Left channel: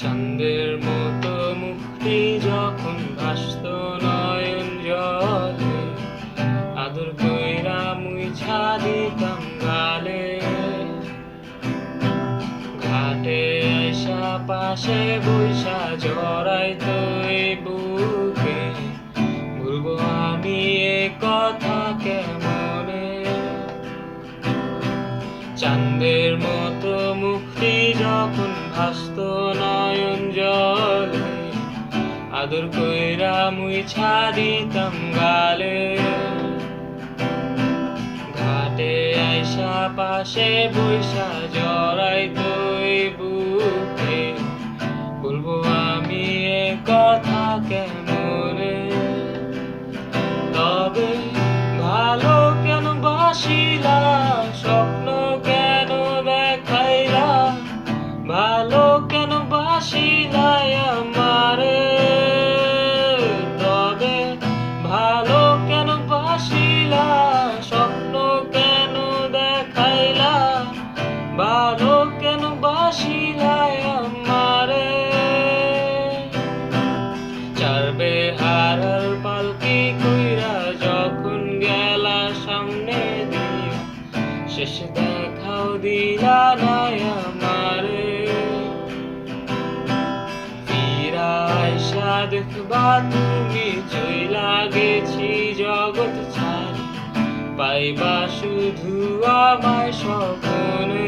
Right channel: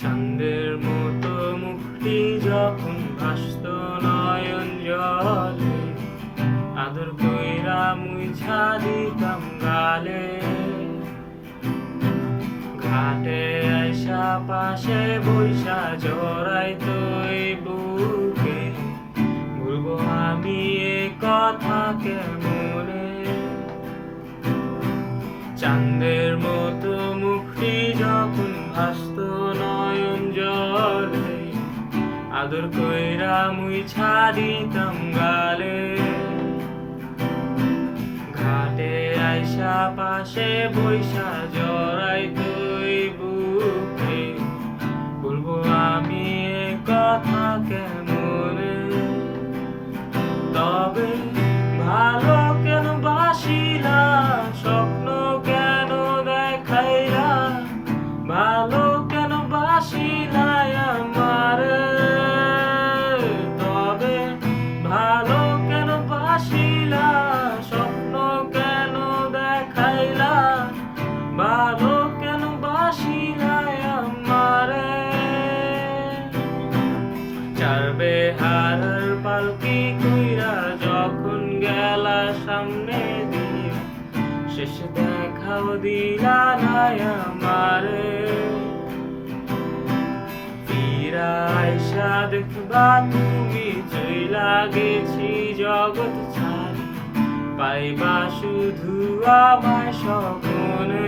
চাঁদের মতো মুক্তি যখন ভাসত নয়ন জলে, আদর কইরা মুইছা দিতাম গালে। ঘাটে আইসা পাশে বইসা জড়াইতো এই বুকে, ভুলবো আমি এ কথা কেমনে। চাঁদের মতো মুক্তি যখন ভাসত নয়ন জলে, আদর কইরা মুইছা দিতাম গালে। ঘাটে আইসা পাশে বইসা জড়াইতো এই বুকে, বলবো আমি এ কথা কেমনে। তবে ভালো কেন বাসিলা, স্বপ্ন কেন দেখাইলা, ভালো কেন বাসিলা আমারে। তবে ভালো কেন বাসিলা, স্বপ্ন কেন দেখাইলা, ভালো কেন বাসিলা আমারে। চারবে হারার পালকি কইরা যখন গেলা সামনে দিয়ে, শেষ দেখাও দিলা না আমারে। ফিরা আইসা দেখবা তুমি চইলা গেছি জগৎ ছাড়ি, পাইবা শুধু আমায় স্বপ্নে।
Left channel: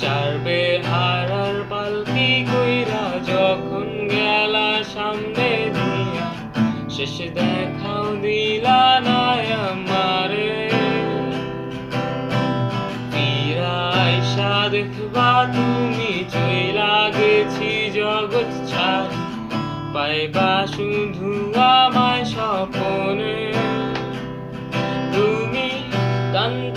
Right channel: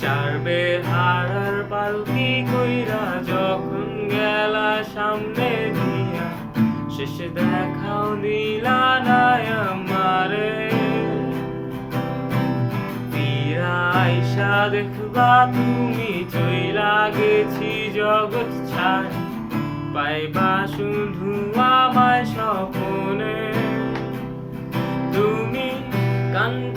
চারবে হারার পালকি কইরা যখন গেলা সামনে দিয়া, শেষ দেখাও দিলা না আমারে। ফিরা আইসা দেখবা তুমি চইলা গেছি জগৎ ছাড়ি, পাইবা শুধু আমায় স্বপ্নে। তুমি কান্দ